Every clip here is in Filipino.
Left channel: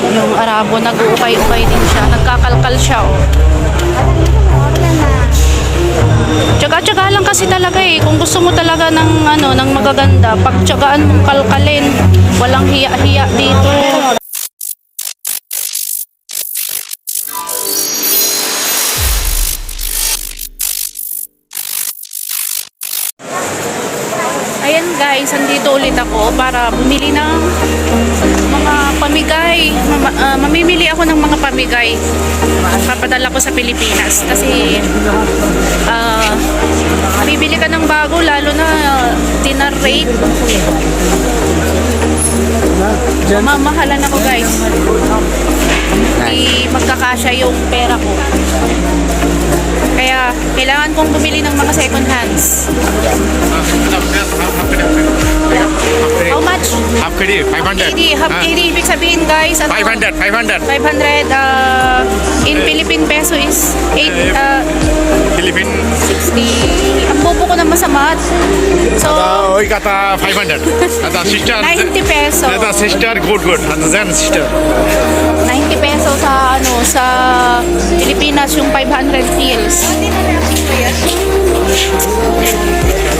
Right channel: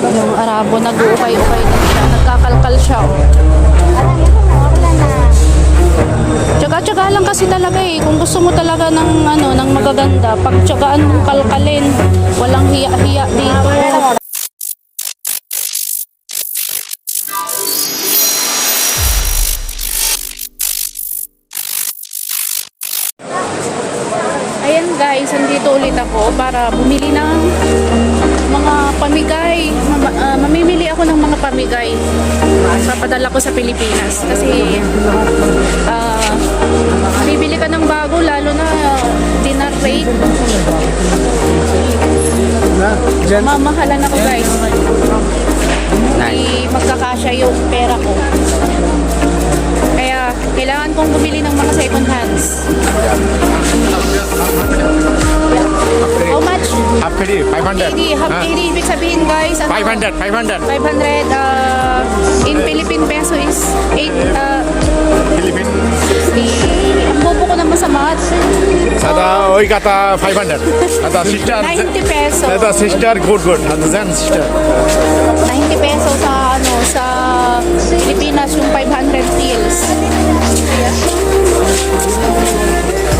Yung Arabo, nag-uukay-ukay din siya. Nagkakalkal siya, oh. Tsaga-tsaga lang kasi talaga eh. Kung gusto mo talaga ng, ano, ng magaganda, pagtsagaan mong kalkalin. Walang hiya-hiya dito. Ayan guys, andito ulit ako para bumili ng mga pamigay. Mamimili ako ng mga pamigay. Papadala ko sa Pilipinas kasi bibili ka ng bago, lalo na dinner rate. Mamahalan ako guys. Hindi magkakasya yung pera ko. Kaya kailangan kong bumili ng mga second hands. How much? Half KD, 500. Half KD, ibig sabihin guys, ano? 500, 500. 500 in Philippine peso is 8 Philippine. 60. Ang bobo ko naman sa math. So, We got 500. The sister. 90 peso. The sister, good. And then sister. 90 peso sa ano, sa Pilipinas yung 500 pills.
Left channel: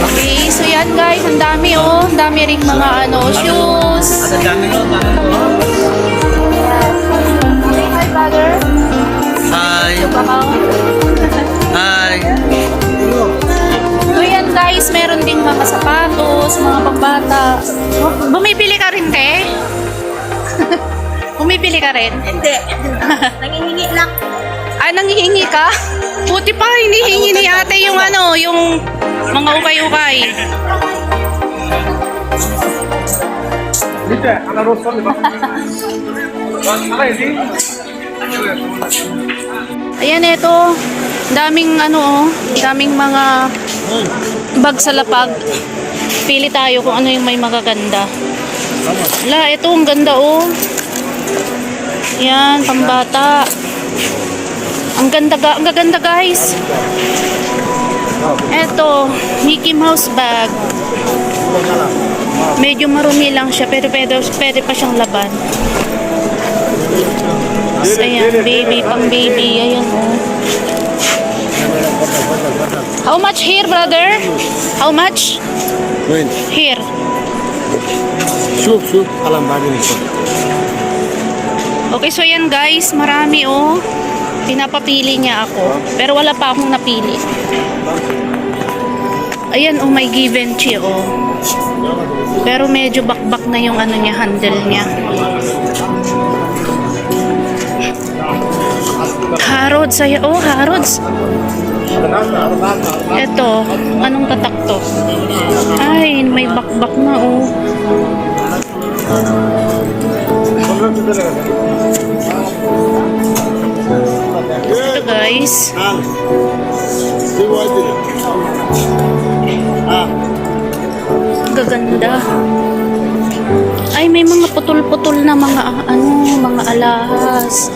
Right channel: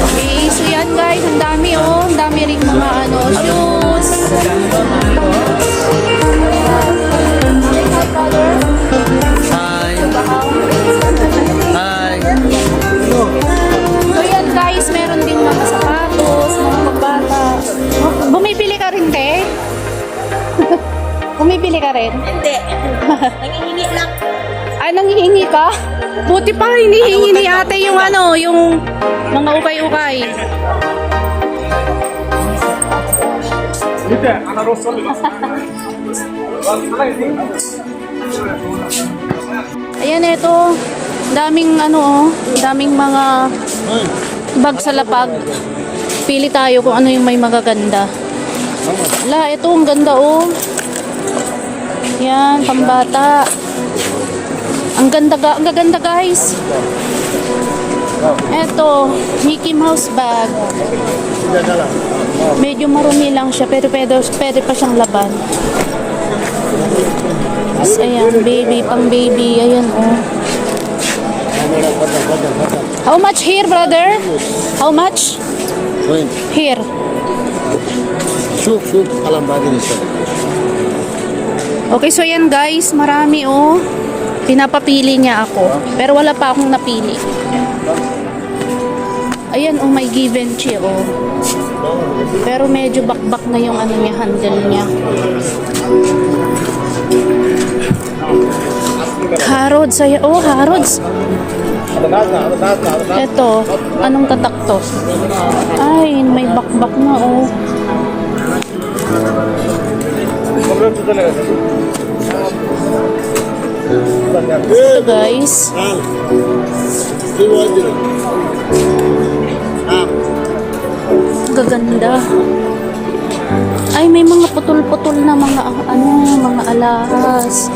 Okay, so yan guys, ang dami oh, ang dami ring mga ano, shoes. Hi. Hi. So yan guys, meron din mga sapatos, mga pambata. Bumibili ka rin, te? Bumibili ka rin? Hindi. Nangihingi lang. Ay, nangihingi ka? Buti pa, hinihingi ni ate yung ano, yung mga ukay-ukay. Ayan, eto. Daming ano, oh, daming mga bag sa lapag. Pili tayo kung ano yung may magaganda. Ala, eto, ang ganda, oh. Yan, pambata. Ang ganda guys. Eto, Mickey Mouse bag. Medyo marumi lang siya pero pwede pa siyang laban. So, ayan, baby, pang baby. Ayan, oh. How much here, brother? How much? Here. Shoot. Alam bagay nito. Okay, so yan guys, marami oh. Pinapapili niya ako. Pero wala pa akong napili. Ayan oh, may Givenchy oh. Pero medyo bakbak na yung ano niya, handle niya. Harrods, ayan oh, Harrods. Eto, anong tatak to? Ay, may bakbak na oh. Ito guys. Gaganda. Ay, may mga putol-putol na mga ano, mga alahas.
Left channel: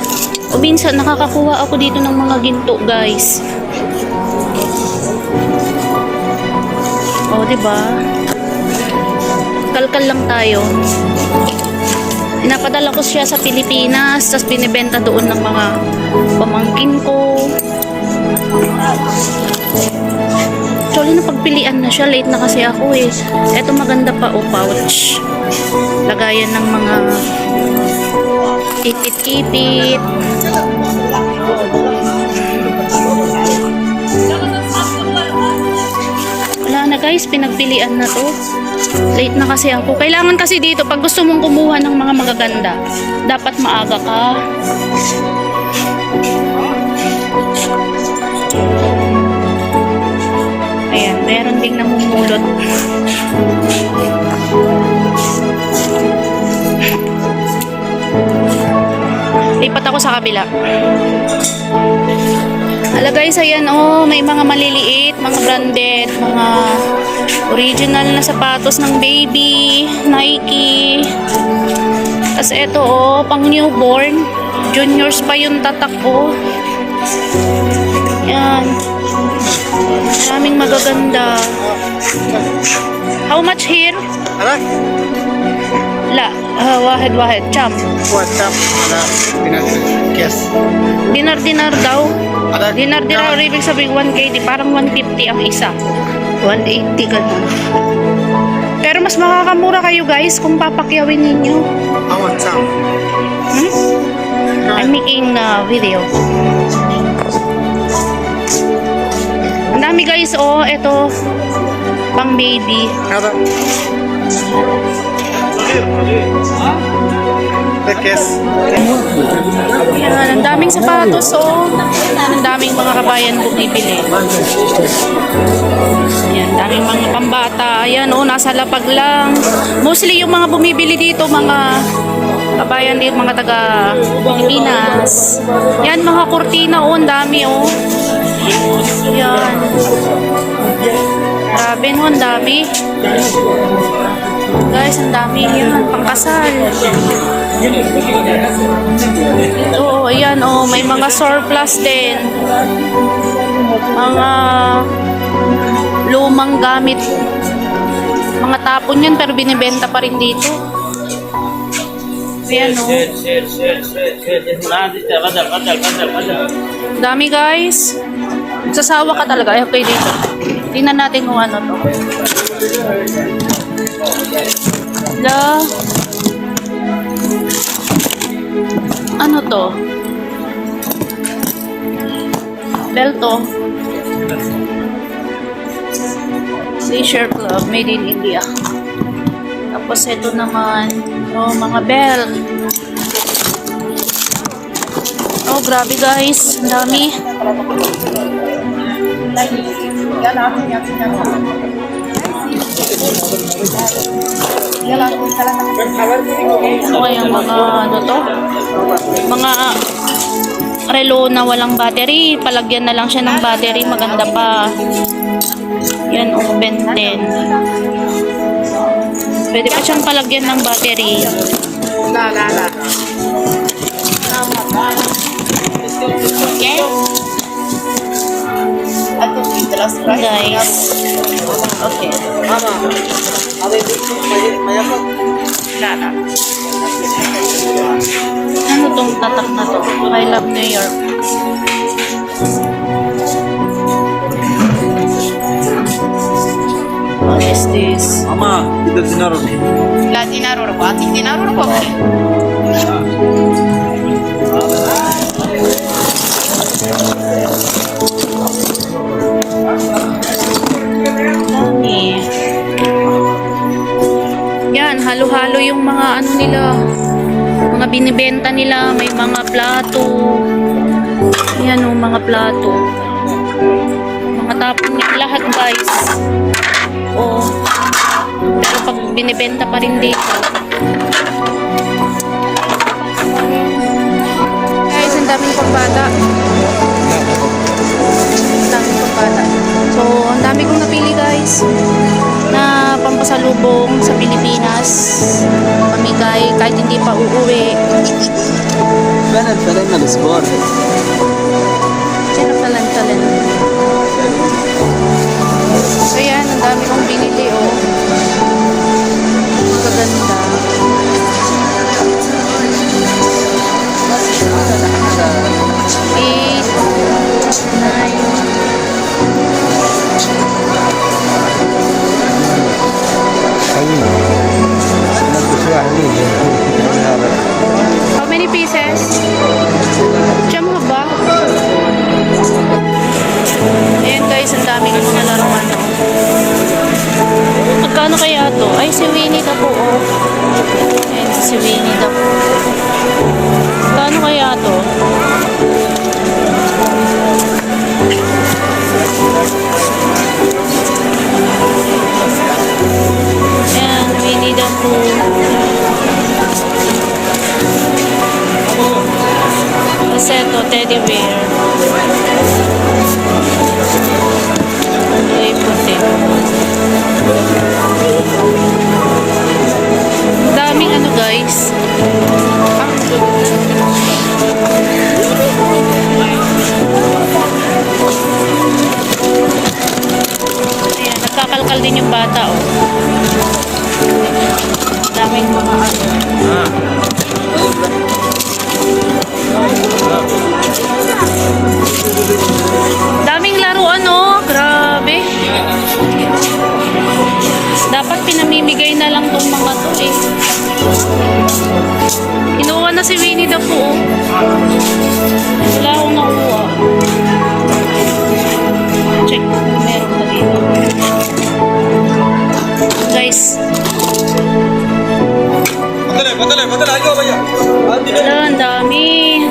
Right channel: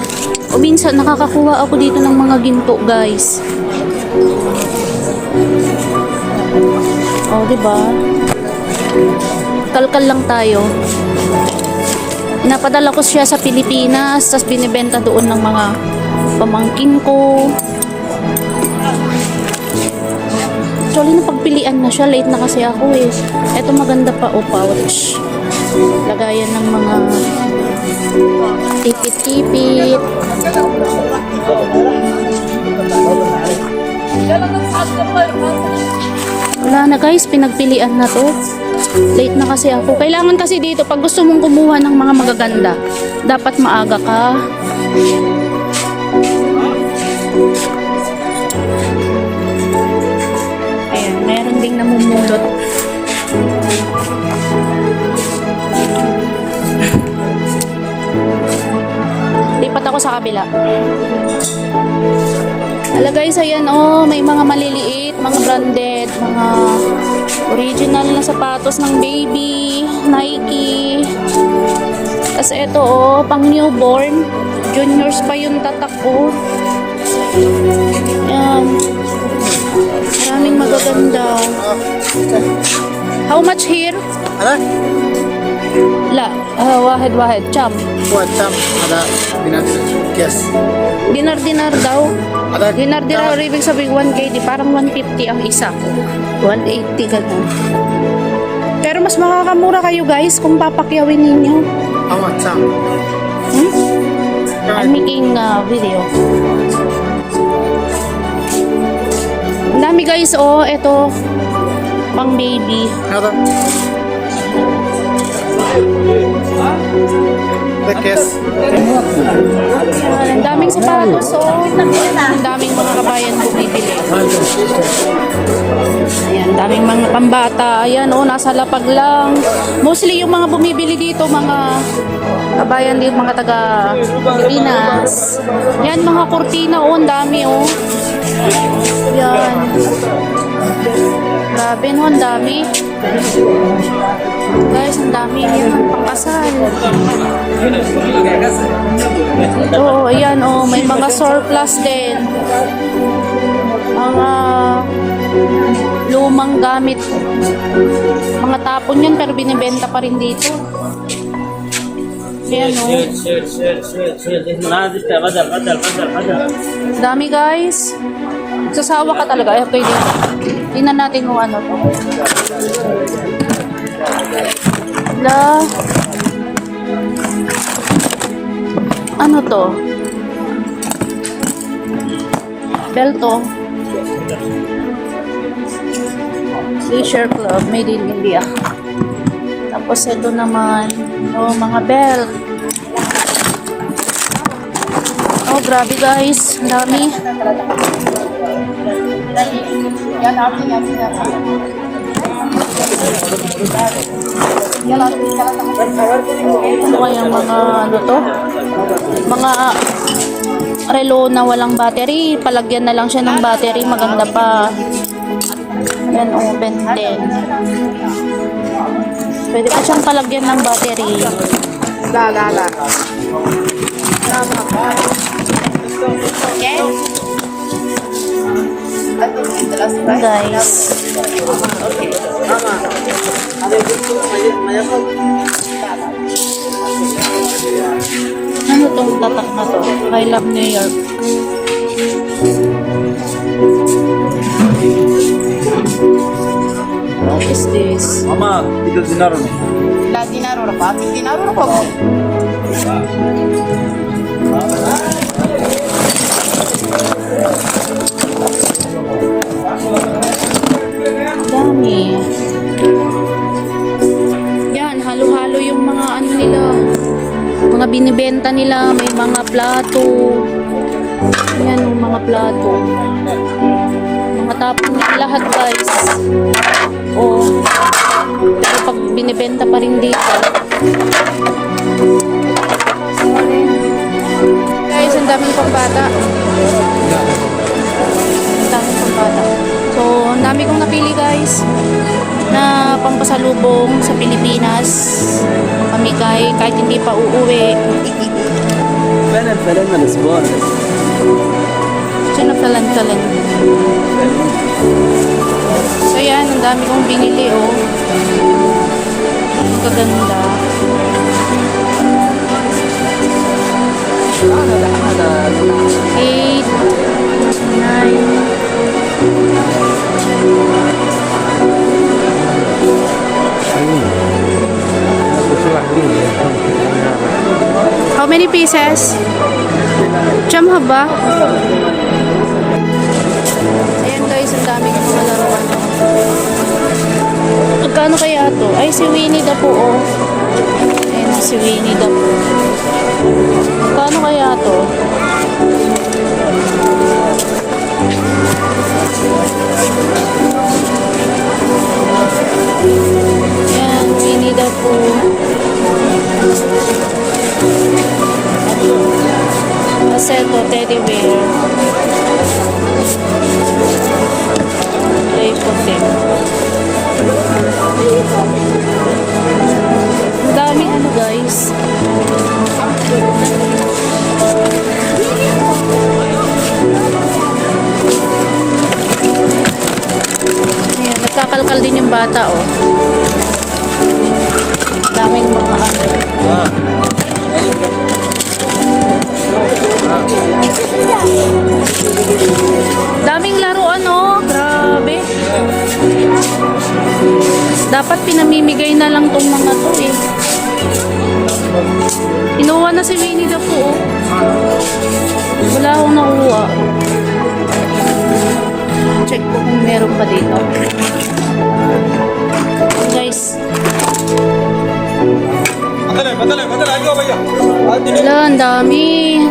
O minsan nakakakuha ako dito ng mga ginto, guys. O, di ba? Kalkal lang tayo. Pinapadala ko siya sa Pilipinas, tapos binibenta doon ng mga pamangkin ko. Actually, napagpilian na siya. Late na kasi ako eh. Eto maganda pa, oh, pouch. Lagayan ng mga ipit-ipit. Wala na guys, pinagpilian na to. Late na kasi ako. Kailangan kasi dito, pag gusto mong kumuha ng mga magaganda, dapat maaga ka. Ayan, meron ding namumulot. Lipat ako sa kabila. Hala guys, ayan oh, may mga maliliit, mga branded, mga original na sapatos ng baby, Nike. Tapos ito oh, pang newborn. Juniors pa yung tatak ko. Yan. Maraming magaganda. How much here? لا واحد شام. هو التام هذا بنادر كيس. Dinar daw. هذا Dinar ibig sabihin 1K, di parang 150 ang isa. 180 ganun. Pero mas makakamura kayo guys kung papakyawin ninyo. هو التام. I'm making video. Ang dami guys, oh, ito pang baby. هذا ده كيس. Yan, ang daming sapatos, oh. Ang daming mga kabayan bumibili. Yan, daming mga pambata. Ayan, oh, nasa lapag lang. Mostly yung mga bumibili dito, mga kabayan dito, mga taga Pilipinas. Yan, mga kurtina, oh, ang dami, oh. Yan. Grabe, no, ang dami. Guys, ang dami yan, pangkasal. Oo, ayan, oh, may mga surplus din. Mga lumang gamit. Mga tapon yan, pero binibenta pa rin dito. Ayan, oh. Dami, guys. Sasawa ka talaga. Ay, okay, dito. Tingnan natin kung ano to. La. Ano to? Belto. Leisure Club, made in India. Tapos ito naman, oh, mga belt. Oh, grabe guys, ang dami. Ano kayang mga ano to? Mga relo na walang battery. Palagyan na lang siya ng battery. Maganda pa. Yan, oh, Ben 10. Pwede pa siyang palagyan ng battery. Okay. Guys. Okay. Ano tong tatak na to? I love New York. What is this? Mama, itu dinar nih. La dinaro rabati, dinaro rabati. Dami. Yan, halo-halo yung mga ano nila. Mga binibenta nila, may mga plato. Yan o, mga plato. Mga tapon nila lahat guys. O, pero pag binibenta pa rin dito. Guys, ang daming pambata. Ang daming pambata. So, ang dami kong napili guys na pampasalubong sa Pilipinas. Pamigay kahit hindi pa uuwi. فعلا فعلا الاسبوع Sinakalan-kalan. So yan, ang dami kong binili oh. Kaganda. Eight, nine. How many pieces? Jam haba? Ayan guys, ang daming mga laruan oh. Magkano kaya to? Ay, si Winnie the Pooh oh. Ayan, si Winnie the Pooh. Magkano kaya to? Ayan, Winnie the Pooh. Kasi ito, teddy bear. Ay, puti. Ang daming ano guys. Ayan, magkakalkal din yung bata oh. Ang daming mga ano. Kuha na si Winnie the Pooh. Oh. Wala akong nakuha. Check kung meron pa dito. Guys. Wala, ang dami.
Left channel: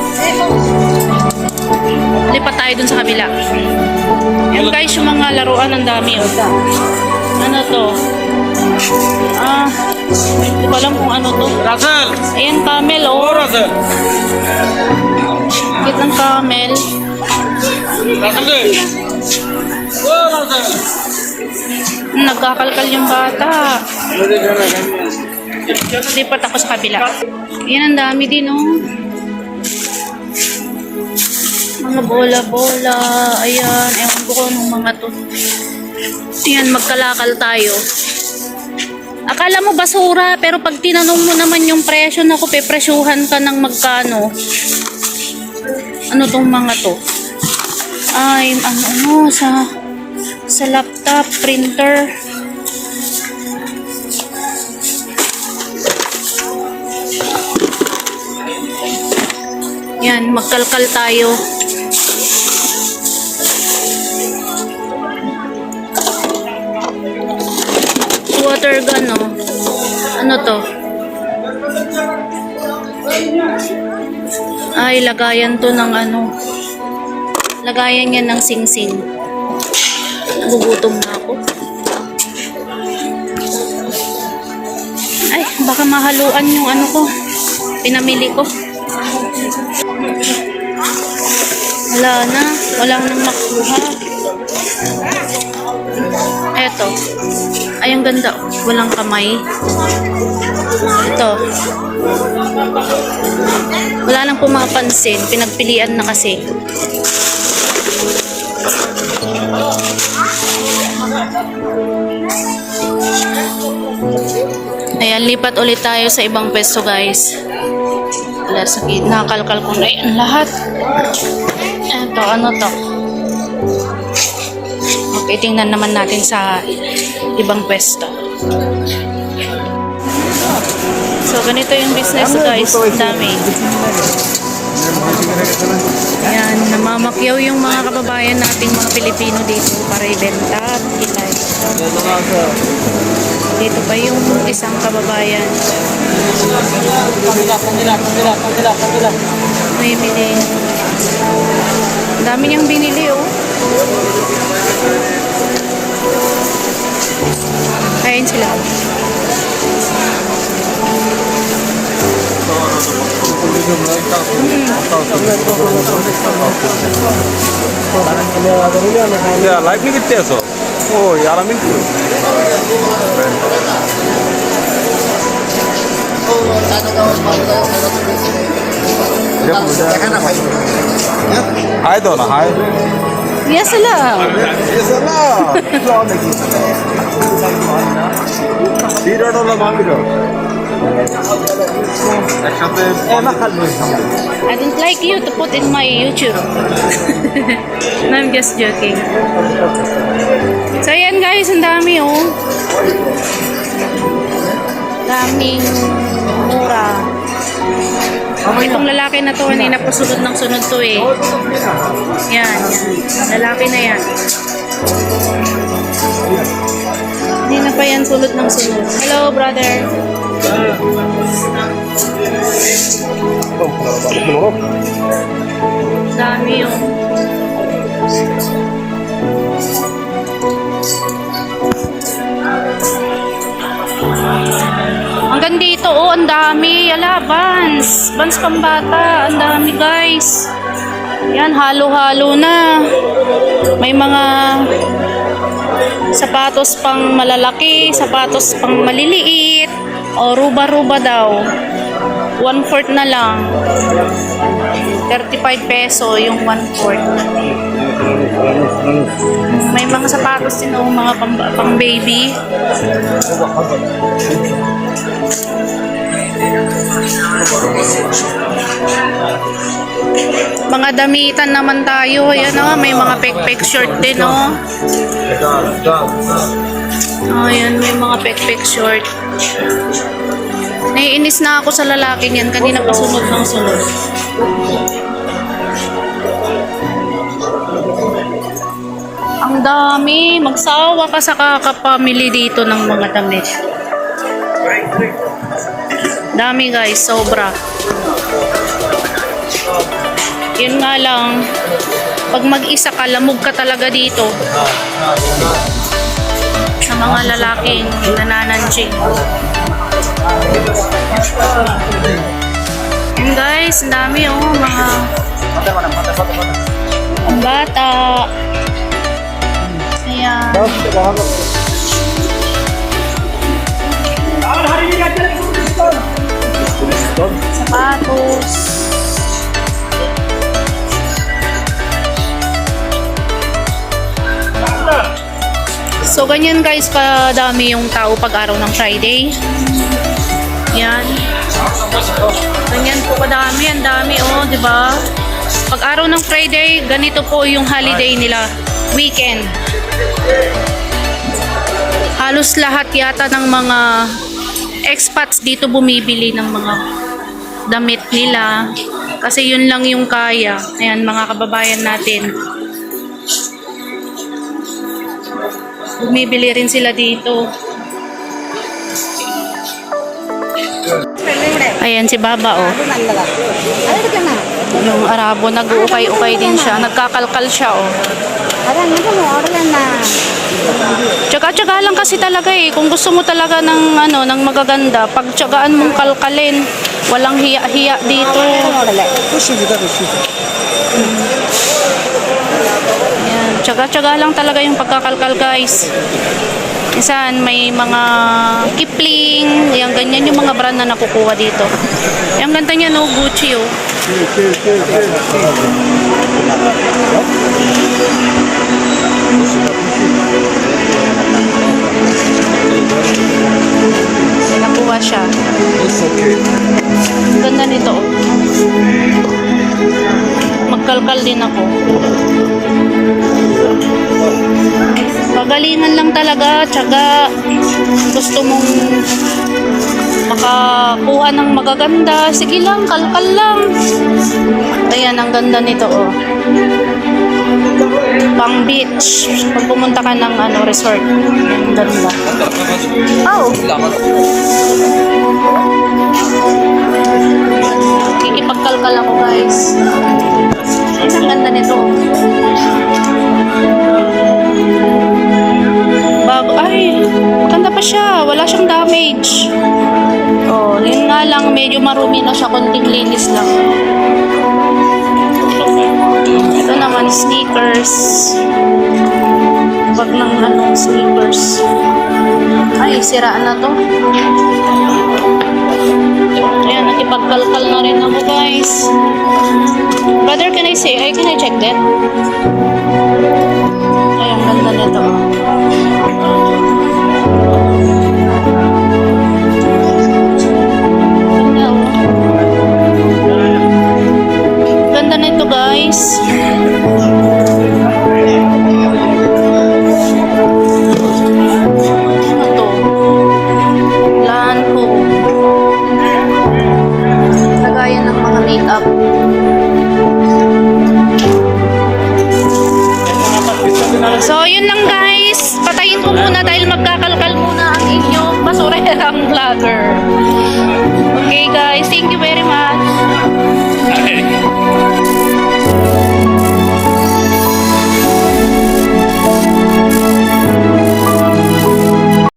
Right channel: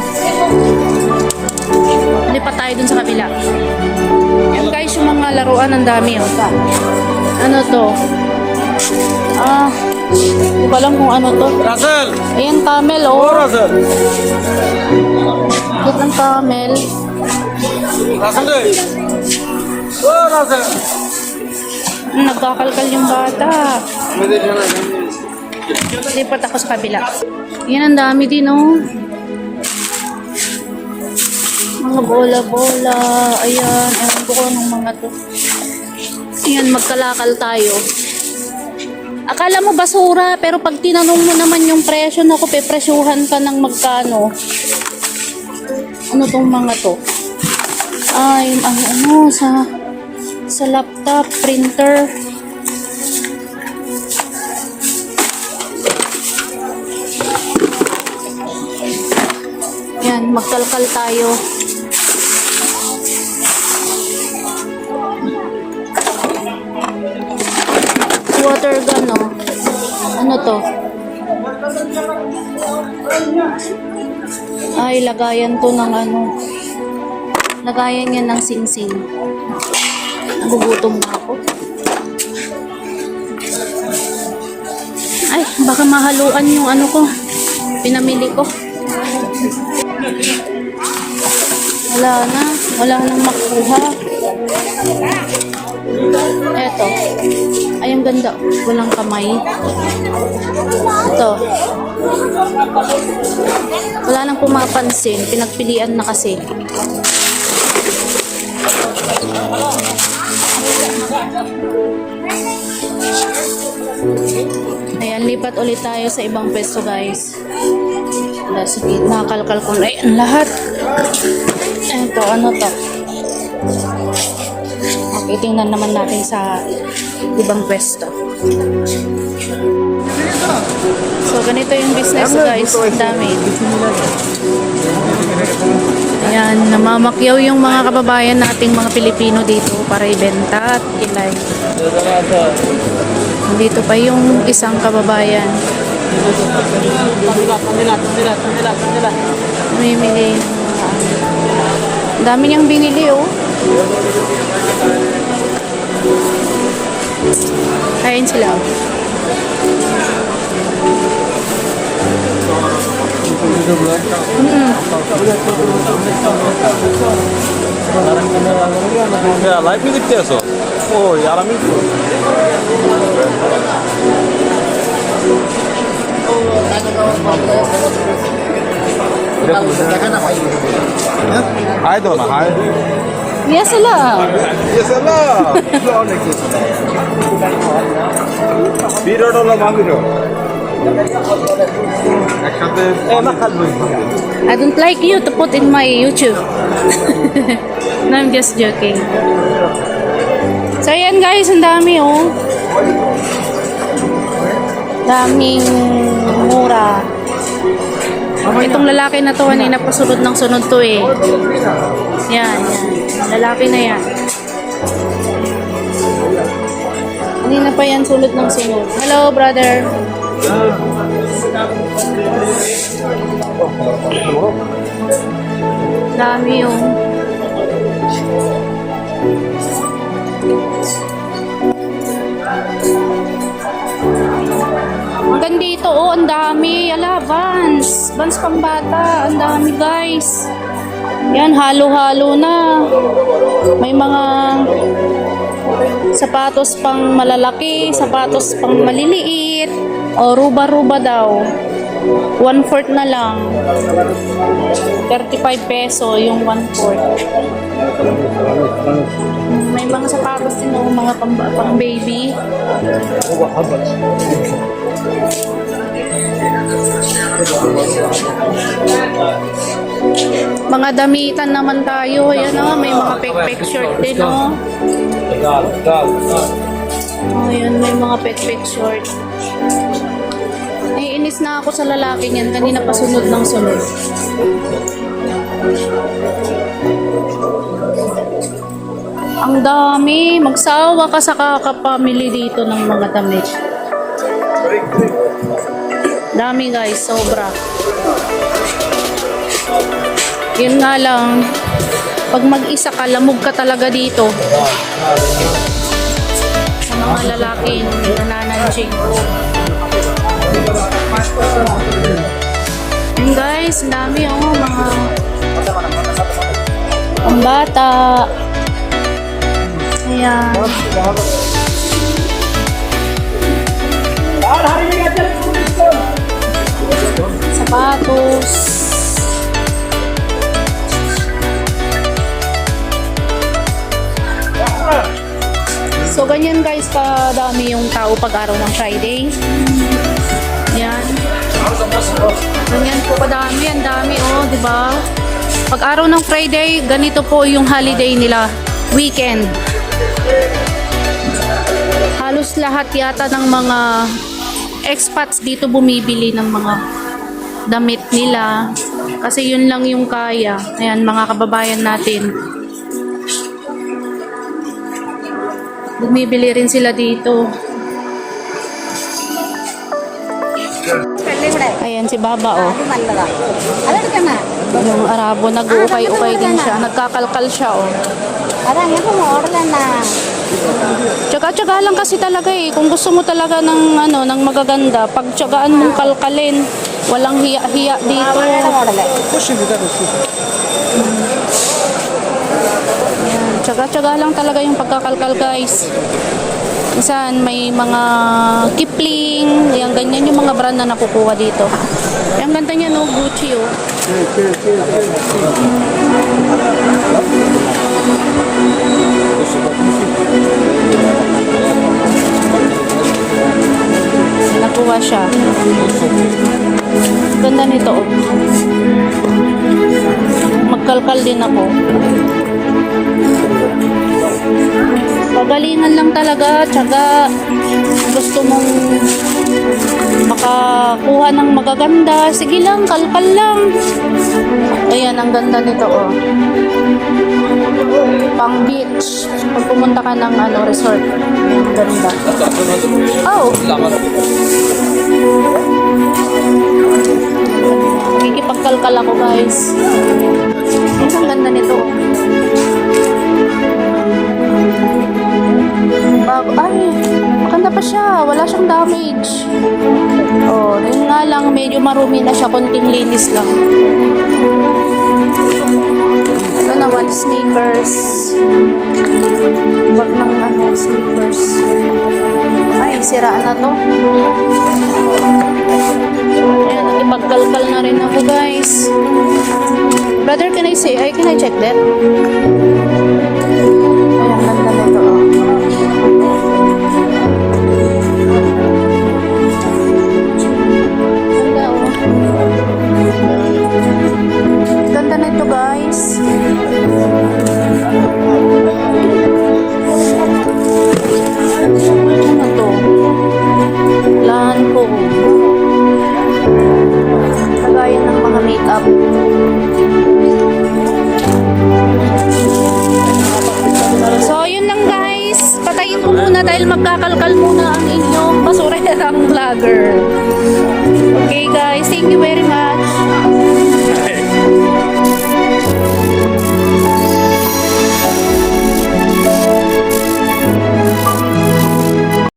Lipat tayo dun sa kabila. Yan guys, yung mga laruan, ang dami. Oh. Ano to? Hindi ko alam kung ano to. Ayan, camel, oh. Kit ng camel. Nagkakalkal yung bata. Lipat ako sa kabila. Yan, ang dami din, oh. Mga bola-bola. Ayan, ewan ko kung anong mga to. Ayan, magkalakal tayo. Akala mo basura, pero pag tinanong mo naman yung presyo, naku, pepresyuhan ka ng magkano. Ano tong mga to? Ay, ano, sa laptop, printer. Yan, magkalkal tayo. Water gun, oh. Ano to? Ay, lagayan to ng ano. Lagayan yan ng sing-sing. Nagugutom na ako. Ay, baka mahaluan yung ano ko. Pinamili ko. Wala na. Wala nang makuha. Eto. Ay, ang ganda. Walang kamay. Ito. Wala nang pumapansin. Pinagpilian na kasi. Ayan, lipat ulit tayo sa ibang pwesto, guys. Wala, sakit. Nakakalkal ko na yan lahat. Ito, ano to? Okay, tingnan naman natin sa ibang pwesto. So, ganito yung business, guys. Ang dami. Ayan, namamakyaw yung mga kababayan nating mga Pilipino dito para ibenta at kilay. Dito pa yung isang kababayan. May mili. Ang dami niyang binili, oh. Kain sila. 야, 라이프 기때서. 오, 야라민크. 하이 도나 하이. Yes, lang. 비례로 만들어. I don't like you to put in my YouTube. No, I'm just joking. So, ayan guys, ang dami, oh. Daming mura. Itong lalaki na to, kanina pa sunod ng sunod to, eh. Yan, yan. Lalaki na yan. Kanina pa yan, sunod ng sunod. Hello, brother. Dami yung hanggang dito, oh, ang dami. Ala, Vans pambata, ang dami, guys. Yan, halo-halo na. May mga sapatos pang malalaki, sapatos pang maliliit, o ruba-ruba daw. 1/4 na lang. 35 peso yung 1/4. May mga sapatos din, oh, mga pang baby. Mga damitan naman tayo. Ayan, oh, may mga pek-pek short din, oh. Ayan, may mga pek-pek short. Naiinis na ako sa lalaking yan. Kanina pa sunod ng sunod. Ang dami. Magsawa ka sa kakapamili dito ng mga damit. Dami guys, sobra. Yun nga lang, pag mag-isa ka, lamog ka talaga dito. Sa mga lalaking nanananjing. Yun guys, ang dami oh, mga pambata. Ayan. Sapatos. So, ganyan guys, kadami yung tao pag araw ng Friday. Yan. Ganyan po kadami. Ang dami, oh, di ba? Pag araw ng Friday, ganito po yung holiday nila. Weekend. Halos lahat yata ng mga expats dito bumibili ng mga damit nila. Kasi yun lang yung kaya. Ayan, mga kababayan natin. Bumibili rin sila dito. Ayan si Baba, oh. Yung Arabo, nag-uukay-ukay din siya. Nagkakalkal siya, oh. Tsaga-tsaga lang kasi talaga eh. Kung gusto mo talaga ng ano, ng magaganda, pagtsagaan mong kalkalin, walang hiya-hiya dito. Ayan, tsaga-tsaga lang talaga yung pagkakalkal, guys. Minsan may mga Kipling, yung ganyan yung mga brand na nakukuha dito. Yung ganda niya, no, Gucci, oh. Nakuha siya. Ganda nito, oh. Magkalkal din ako. Pagalingan lang talaga, tsaga. Gusto mong makakuha ng magaganda, sige lang, kalkal lang. Ayan, ang ganda nito, oh. Pang beach. Pag pumunta ka ng ano, resort. Ang ganda. Oh. Kikipagkalkal ako, guys. Ayan, ang ganda nito, oh. Bago, ay, maganda pa siya. Wala siyang damage. Oh, yun nga lang, medyo marumi na siya. Konting linis lang. Ito naman, sneakers. Bag ng ano, sneakers. Ay, siraan na to. Ayan, nakipagkalkal na rin ako, guys. Brother, can I check that? Ay, ang ganda nito, oh. Ganda, oh. Ganda na ito, guys. Ano to? Lahan ko. Lagayan ng mga makeup. So, yun lang, guys. Patayin ko muna dahil magkakalkal muna ang inyong basurerang vlogger.